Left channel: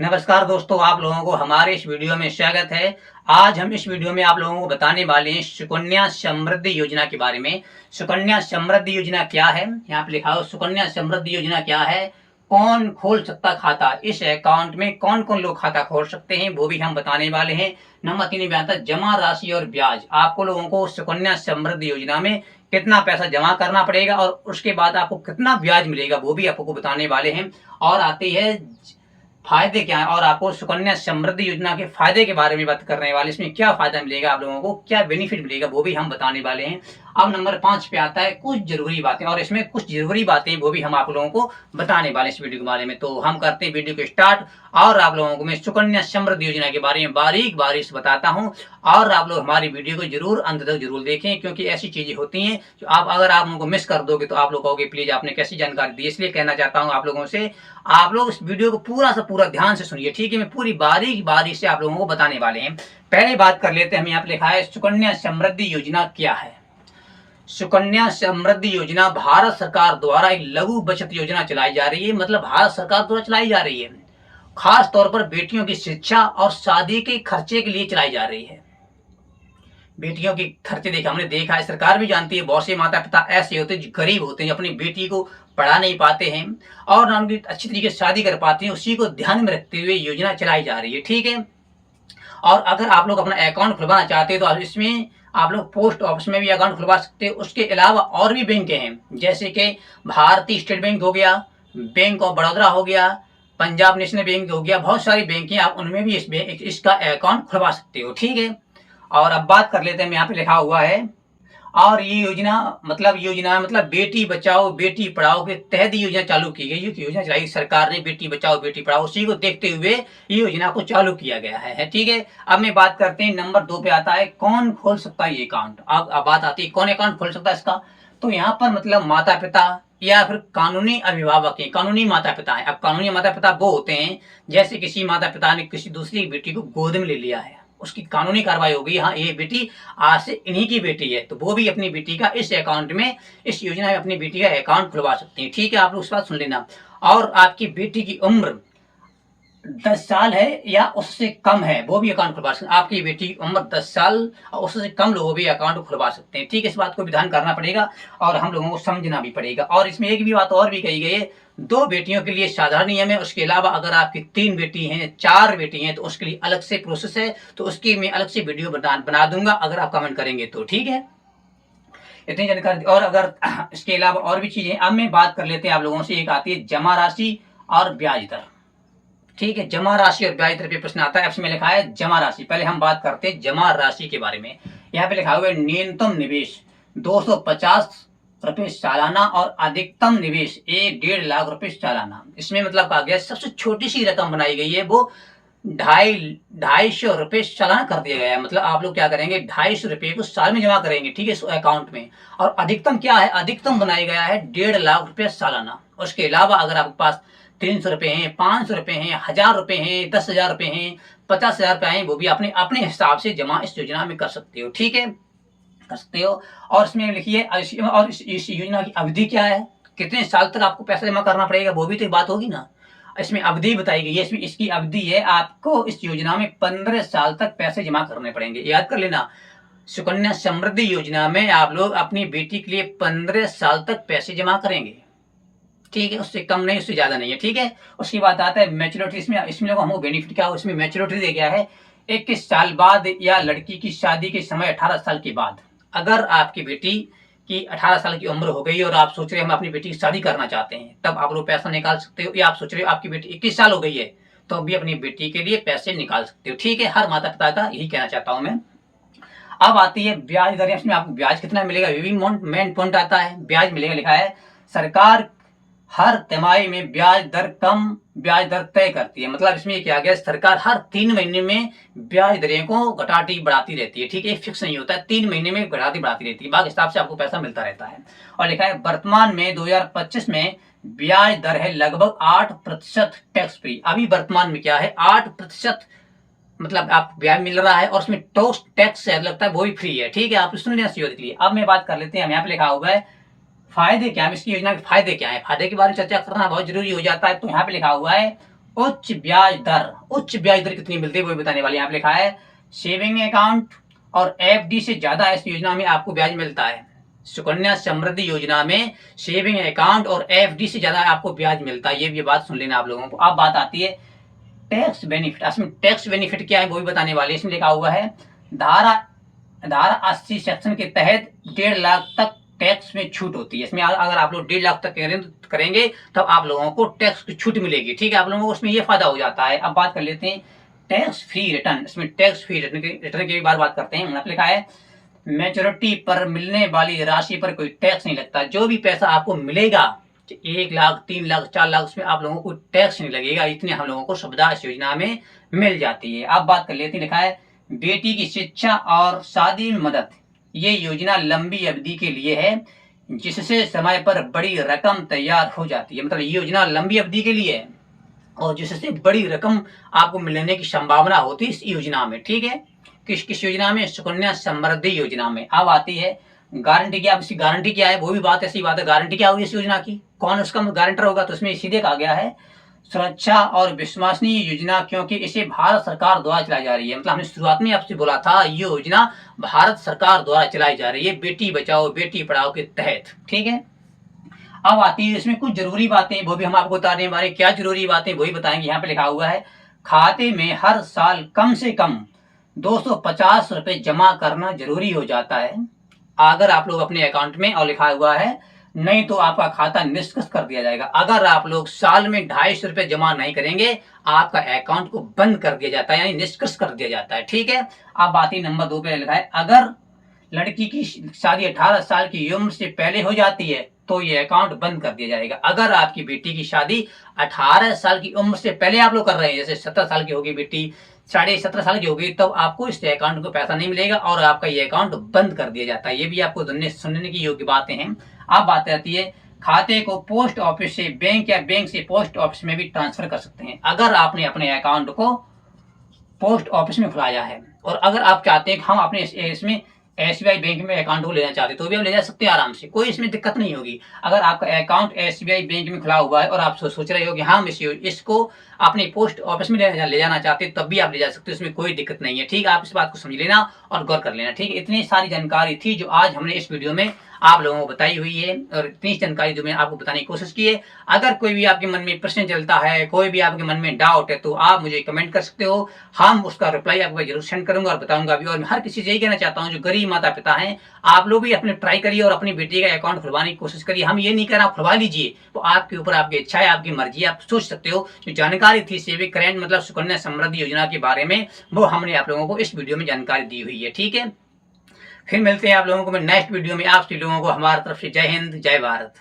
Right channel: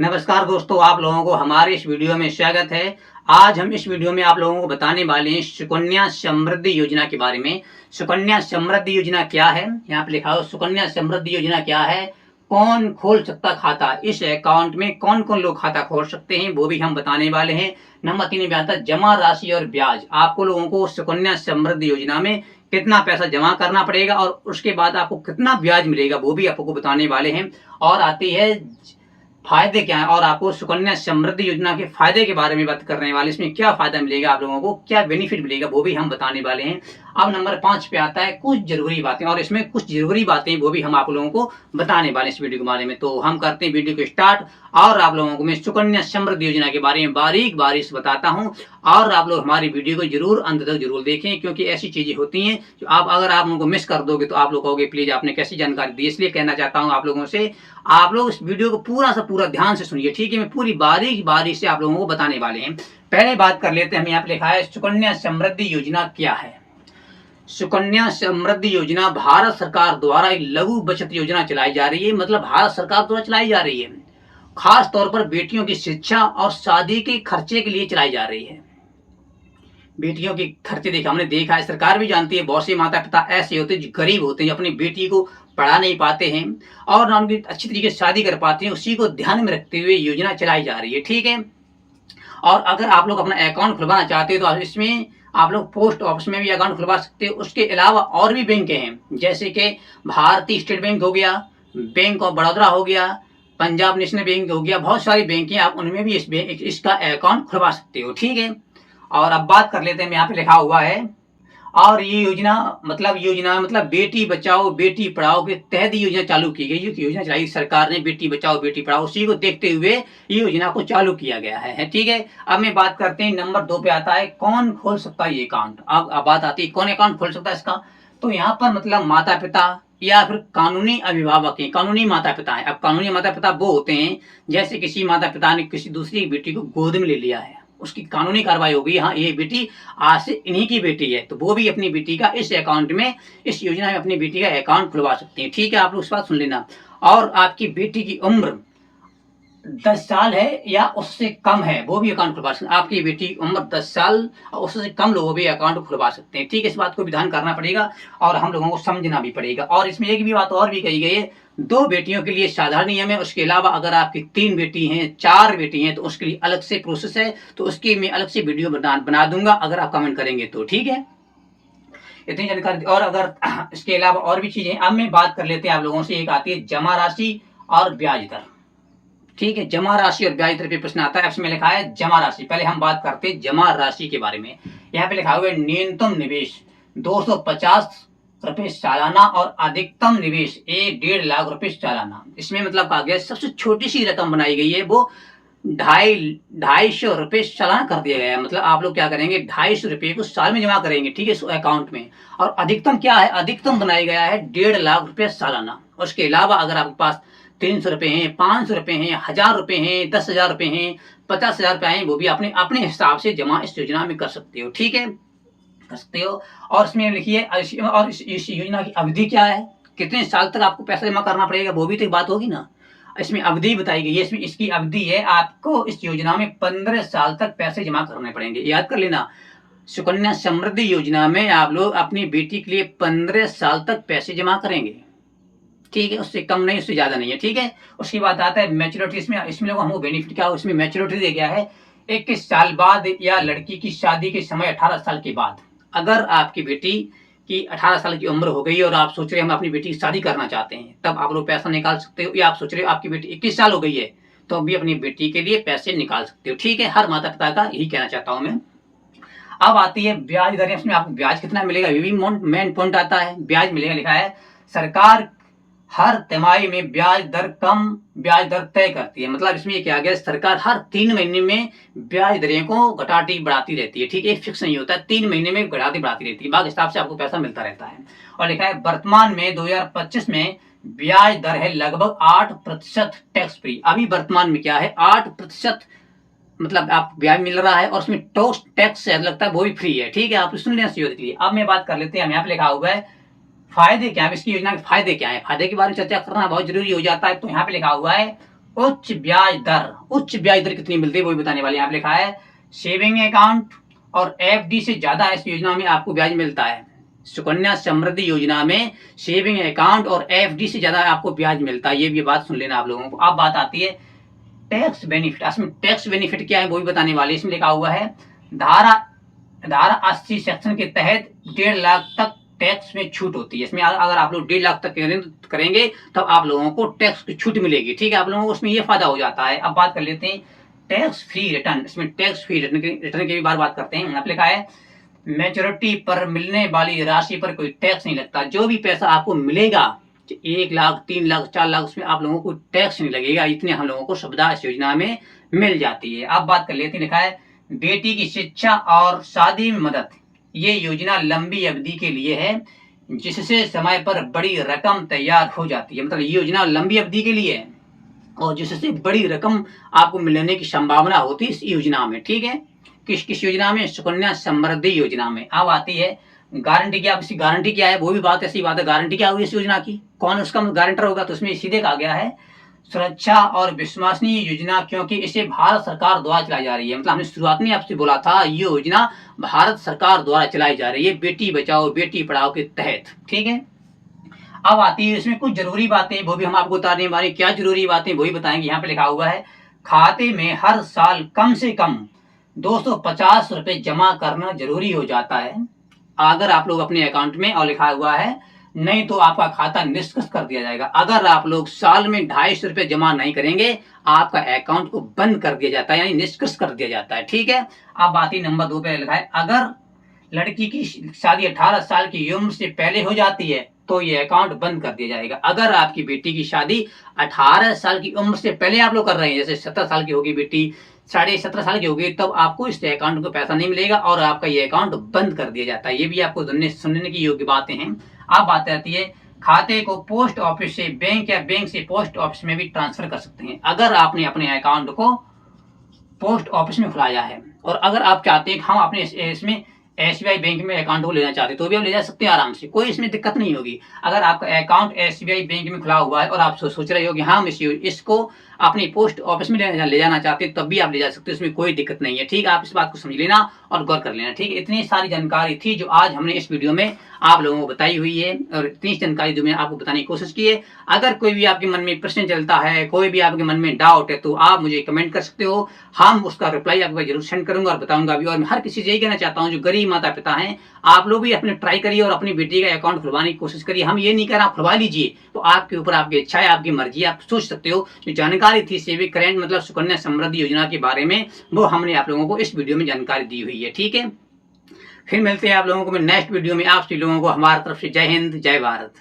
नमस्कार दोस्तों, आप लोगों को हमारे इस वीडियो में स्वागत है। आज हम इस वीडियो में आप लोगों को बताने वाले हैं सुकन्या समृद्धि योजना के बारे में। सुकन्या समृद्धि योजना क्या है, यहाँ पे लिखा हो सुकन्या समृद्धि योजना क्या है, कौन खोल सकता खाता, इस अकाउंट में कौन कौन लोग खाता खोल सकते हैं वो भी हम बताने वाले हैं। नंबर 3 में आता है जमा राशि और ब्याज। आपको लोगों को सुकन्या समृद्धि योजना में कितना पैसा जमा करना पड़ेगा और उसके बाद आपको कितना ब्याज मिलेगा वो भी आपको बताने वाले हैं। और आती है फायदे क्या है, और आपको सुकन्या समृद्धि योजना के फायदे के बारे में बात करने वाले, इसमें क्या फायदा मिलेगा, आप लोगों को क्या बेनिफिट मिलेगा वो भी हम बताने वाले हैं। अब नंबर 5 पे आता है कुछ जरूरी बातें, और इसमें कुछ जरूरी बातें वो भी हम आप लोगों को बताने वाले इस वीडियो के बारे में। तो हम करते हैं वीडियो को स्टार्ट, और आप लोगों को मैं सुकन्या समृद्धि योजना के बारे में बारीक बारीक से बताता हूँ। और आप लोग हमारी वीडियो को जरूर अंत तक जरूर देखें, क्योंकि ऐसी चीजें होती हैं जो अगर आप उनको मिस कर दोगे तो आप लोग कहोगे प्लीज आपने कैसी जानकारी दी। इसलिए कहना चाहता हूँ आप लोगों से, आप लोग इस वीडियो को पूरा से पूरा ध्यान से सुनिए, ठीक है। मैं पूरी बारीक बारीक से आप लोगों को बताने वाले हैं। पहले बात कर लेते हैं, हमें यहाँ पे लिखा है सुकन्या समृद्धि योजना क्या है। सुकन्या समृद्धि योजना भारत सरकार द्वारा एक लघु बचत योजना चलाई जा रही है, मतलब भारत सरकार द्वारा चलाई जा रही है। खास तौर पर बेटियों की शिक्षा और शादी के खर्चे के लिए चलाई जा रही है। बेटियों के खर्चे देखा हमने देखा है, सरकार भी जानती है बहुत से माता पिता ऐसे होते हैं जो गरीब होते हैं, जो अपनी बेटी को पढ़ा नहीं पाते हैं और ना उनकी अच्छी तरीके से शादी कर पाते हैं। उसी को ध्यान में रखते हुए योजना चलाई जा रही है, ठीक है। और अगर आप लोग अपना अकाउंट खुलवाना चाहते हो तो इसमें आप लोग पोस्ट ऑफिस में भी अकाउंट खुलवा सकते हो। उसके अलावा और भी बैंक हैं, जैसे कि भारतीय स्टेट बैंक हो गया, बैंक ऑफ बड़ौदा हो गया, पंजाब नेशनल बैंक हो गया, बहुत सारी बैंक हैं, आप उनमें भी इसका अकाउंट खुलवा सकते हो, ठीक है। और अब बात कर लेते हैं, यहाँ पे लिखा हुआ है, और ये योजना मतलब बेटी बचाओ बेटी पढ़ाओ के तहत योजना चालू की गई। ये योजना चलाई सरकार ने, बेटी बचाओ बेटी पढ़ाओ, उसी को देखते हुए ये योजना को चालू किया गया है, ठीक है। अब मैं बात करते हैं नंबर 2 पे आता है कौन खोल सकता है ये अकाउंट। अब बात आती है कौन अकाउंट खोल सकता है इसका। तो यहाँ पर मतलब माता पिता या फिर कानूनी अभिभावक हैं, कानूनी माता पिता हैं। अब कानूनी माता पिता वो होते हैं जैसे किसी माता पिता ने किसी दूसरी बेटी को गोद में ले लिया है, उसकी कानूनी कार्रवाई होगी, हाँ ये बेटी आज से इन्हीं की बेटी है, तो वो भी अपनी बेटी का इस अकाउंट में, इस योजना में अपनी बेटी का अकाउंट खुलवा सकते हैं, ठीक है। आप लोग इस बात सुन लेना। और आपकी बेटी की उम्र 10 साल है या उससे कम है वो भी अकाउंट खुलवा सकते हैं। आपकी बेटी की उम्र 10 साल और उससे कम लोग भी अकाउंट खुलवा सकते हैं, ठीक है। इस बात को भी ध्यान करना पड़ेगा और हम लोगों को समझना भी पड़ेगा। और इसमें एक भी बात और भी कही गई है, 2 बेटियों के लिए साधारण नियम है, उसके अलावा अगर आपकी 3 बेटी हैं 4 बेटी हैं तो उसके लिए अलग से प्रोसेस है, तो उसकी मैं अलग से वीडियो बना दूंगा अगर आप कमेंट करेंगे तो, ठीक है। इतनी जानकारी। और अगर इसके अलावा और भी चीजें, अब मैं बात कर लेते हैं आप लोगों से, एक आती है जमा राशि और ब्याज दर, ठीक है। जमा राशि और ब्याज दर पे प्रश्न आता है, इसमें लिखा है जमा राशि। पहले हम बात करते हैं जमा राशि के बारे में। यहाँ पे लिखा हुआ है न्यूनतम निवेश 250 रुपए सालाना और अधिकतम निवेश 1.5 लाख रुपए सालाना। इसमें मतलब कहा गया सबसे छोटी सी रकम बनाई गई है, वो 250 रुपए सालाना कर दिया गया है। मतलब आप लोग क्या करेंगे, 250 रुपए को साल में जमा करेंगे, ठीक है, इस अकाउंट में। और अधिकतम क्या है, अधिकतम बनाया गया है 1.5 लाख रुपए सालाना। उसके अलावा अगर आपके पास 300 रुपए हैं, 500 रुपए हैं, 1000 रुपए हैं, 10,000 रुपए हैं, 50,000 रुपए हैं, वो भी अपने अपने हिसाब से जमा इस योजना में कर सकते हो, ठीक है, कर सकते हो। और इसमें लिखिए, और इस योजना की अवधि क्या है, कितने साल तक आपको पैसा जमा करना पड़ेगा वो भी तो एक बात होगी ना। इसमें अवधि बताई गई है, इसमें इसकी अवधि है, आपको इस योजना में 15 साल तक पैसे जमा करने पड़ेंगे। याद कर लेना, सुकन्या समृद्धि योजना में आप लोग अपनी बेटी के लिए 15 साल तक पैसे जमा करेंगे, ठीक है, उससे कम नहीं उससे ज्यादा नहीं है, ठीक है। उसके बाद आता है मैच्योरिटी। इसमें लोग हमको बेनिफिट क्या हो, इसमें मैच्योरिटी दे गया है 21 साल बाद या लड़की की शादी के समय 18 साल के बाद। अगर आपकी बेटी की 18 साल की उम्र हो गई और आप सोच रहे हैं हम अपनी बेटी की शादी करना चाहते हैं, तब आप लोग पैसा निकाल सकते हो। या आप सोच रहे हो आपकी बेटी 21 साल हो गई है तो अभी अपनी बेटी के लिए पैसे निकाल सकते हो, ठीक है। हर माता पिता का यही कहना चाहता हूं मैं। अब आती है ब्याज दर। इसमें आपको ब्याज कितना मिलेगा ये भी मेन पॉइंट आता है। ब्याज मिलेगा, लिखा है सरकार हर तिमाही में ब्याज दर तय करती है। मतलब इसमें क्या गया, सरकार हर 3 महीने में ब्याज दरें को घटाती बढ़ाती रहती है, ठीक है, फिक्स नहीं होता है, 3 महीने में घटाती बढ़ाती रहती है, बाकी हिसाब से आपको पैसा मिलता रहता है। और लिखा है वर्तमान में 2025 में ब्याज दर है लगभग 8% टैक्स फ्री। अभी वर्तमान में क्या है, 8% मतलब आप ब्याज मिल रहा है और उसमें टैक्स लगता है वो भी फ्री है, ठीक है। आप सुन लेना के लिए। अब मैं बात कर लेते हैं, यहाँ पे लिखा हुआ है फायदे क्या है, इसकी योजना के फायदे क्या है, फायदे के बारे में चर्चा करना बहुत जरूरी हो जाता है। तो यहाँ पे लिखा हुआ है उच्च ब्याज दर कितनी मिलती है वो भी बताने वाले। यहाँ पे लिखा है सेविंग अकाउंट और एफडी से ज्यादा इस योजना में आपको ब्याज मिलता है। सुकन्या समृद्धि योजना में सेविंग अकाउंट और एफडी से ज्यादा आपको ब्याज मिलता है, ये भी बात सुन लेना आप लोगों को। अब बात आती है टैक्स बेनिफिट। इसमें टैक्स बेनिफिट क्या है वो भी बताने वाले। इसमें लिखा हुआ है धारा 80 सेक्शन के तहत 1.5 लाख तक टैक्स में छूट होती है। इसमें अगर आप लोग 1.5 लाख तक करेंगे तब आप लोगों को टैक्स की छूट मिलेगी, ठीक है, आप लोगों को उसमें ये फायदा हो जाता है। अब बात कर लेते हैं टैक्स फ्री रिटर्न। इसमें टैक्स फ्री रिटर्न की भी बात करते हैं। यहाँ पे लिखा है मैच्योरिटी पर मिलने वाली राशि पर कोई टैक्स नहीं लगता। जो भी पैसा आपको मिलेगा 1 लाख 3 लाख 4 लाख उसमें आप लोगों को टैक्स नहीं लगेगा, इतनी हम लोगों को सुविधा इस योजना में मिल जाती है। अब बात कर लेते हैं, लिखा है बेटी की शिक्षा और शादी में मदद। ये योजना लंबी अवधि के लिए है जिससे समय पर बड़ी रकम तैयार हो जाती है। मतलब ये योजना लंबी अवधि के लिए है और जिससे बड़ी रकम आपको मिलने की संभावना होती है इस योजना में, ठीक है। किस किस योजना में? सुकन्या समृद्धि योजना में। अब आती है गारंटी क्या। अब इसकी गारंटी क्या है वो भी बात ऐसी बात है। गारंटी क्या होगी इस योजना की, कौन उसका गारंटर होगा? तो उसमें सीधे कहा गया है सुरक्षा और विश्वसनीय योजना, क्योंकि इसे भारत सरकार द्वारा चलाई जा रही है। मतलब हमने शुरुआत में आपसे बोला था ये योजना भारत सरकार द्वारा चलाई जा रही है बेटी बचाओ बेटी पढ़ाओ के तहत, ठीक है। अब आती है इसमें कुछ जरूरी बातें, वो भी हम आपको बताने वाले। क्या जरूरी बातें वो ही बताएंगे। यहाँ पे लिखा हुआ है खाते में हर साल कम से कम 250 रुपए जमा करना जरूरी हो जाता है अगर आप लोग अपने अकाउंट में, और लिखा हुआ है नहीं तो आपका खाता निष्क्रिय कर दिया जाएगा। अगर आप लोग साल में 250 रुपए जमा नहीं करेंगे आपका अकाउंट को बंद कर दिया जाता है, यानी निष्क्रिय कर दिया जाता है, ठीक है। अब बात ही नंबर 2 पे लिखा है अगर लड़की की शादी 18 साल की उम्र से पहले हो जाती है तो ये अकाउंट बंद कर दिया जाएगा। अगर आपकी बेटी की शादी 18 साल की उम्र से पहले आप लोग कर रहे हैं, जैसे 17 साल की होगी बेटी, 17.5 साल की होगी, तब आपको इस अकाउंट को पैसा नहीं मिलेगा और आपका ये अकाउंट बंद कर दिया जाता है। ये भी आपको सुनने की योग्य बातें हैं। अब बात आती है खाते को पोस्ट ऑफिस से बैंक या बैंक से पोस्ट ऑफिस में भी ट्रांसफर कर सकते हैं। अगर आपने अपने अकाउंट को पोस्ट ऑफिस में खुलाया है और अगर आप चाहते हैं कि हम अपने इसमें एसबीआई बैंक में अकाउंट को लेना चाहते हैं तो भी हम ले जा सकते हैं आराम से, कोई इसमें दिक्कत नहीं होगी। अगर आपका अकाउंट एसबीआई बैंक में खुला हुआ है और आप सोच रहे हो कि हम इसको अपने पोस्ट ऑफिस में ले जाना चाहते हैं तब भी आप ले जा सकते हैं, इसमें कोई दिक्कत नहीं है, ठीक है। आप इस बात को समझ लेना और गौर कर लेना, ठीक है। इतनी सारी जानकारी थी जो आज हमने इस वीडियो में आप लोगों को बताई हुई है और इतनी जानकारी जो मैंने आपको बताने की कोशिश की है। अगर कोई भी आपके मन में प्रश्न चलता है, कोई भी आपके मन में डाउट है तो आप मुझे कमेंट कर सकते हो, हम उसका रिप्लाई आपको जरूर सेंड करूंगा और बताऊंगा भी। और मैं हर किसी से यही कहना चाहता हूं जो गरीब माता पिता हैं, आप लोग भी अपने ट्राई करिए और अपनी बेटी का अकाउंट खुलवाने की कोशिश करिए। हम ये नहीं कह रहे आप खुलवा लीजिए, वो आपके ऊपर आपकी इच्छा है, आपकी मर्जी, आप सोच सकते हो। जो जानकारी थी सेविंग करेंट मतलब सुकन्या समृद्धि योजना के बारे में वो हमने आप लोगों को इस वीडियो में जानकारी दी हुई है, ठीक है। फिर मिलते हैं आप लोगों को मैं नेक्स्ट वीडियो में। आप सभी लोगों को हमारी तरफ से जय हिंद जय भारत।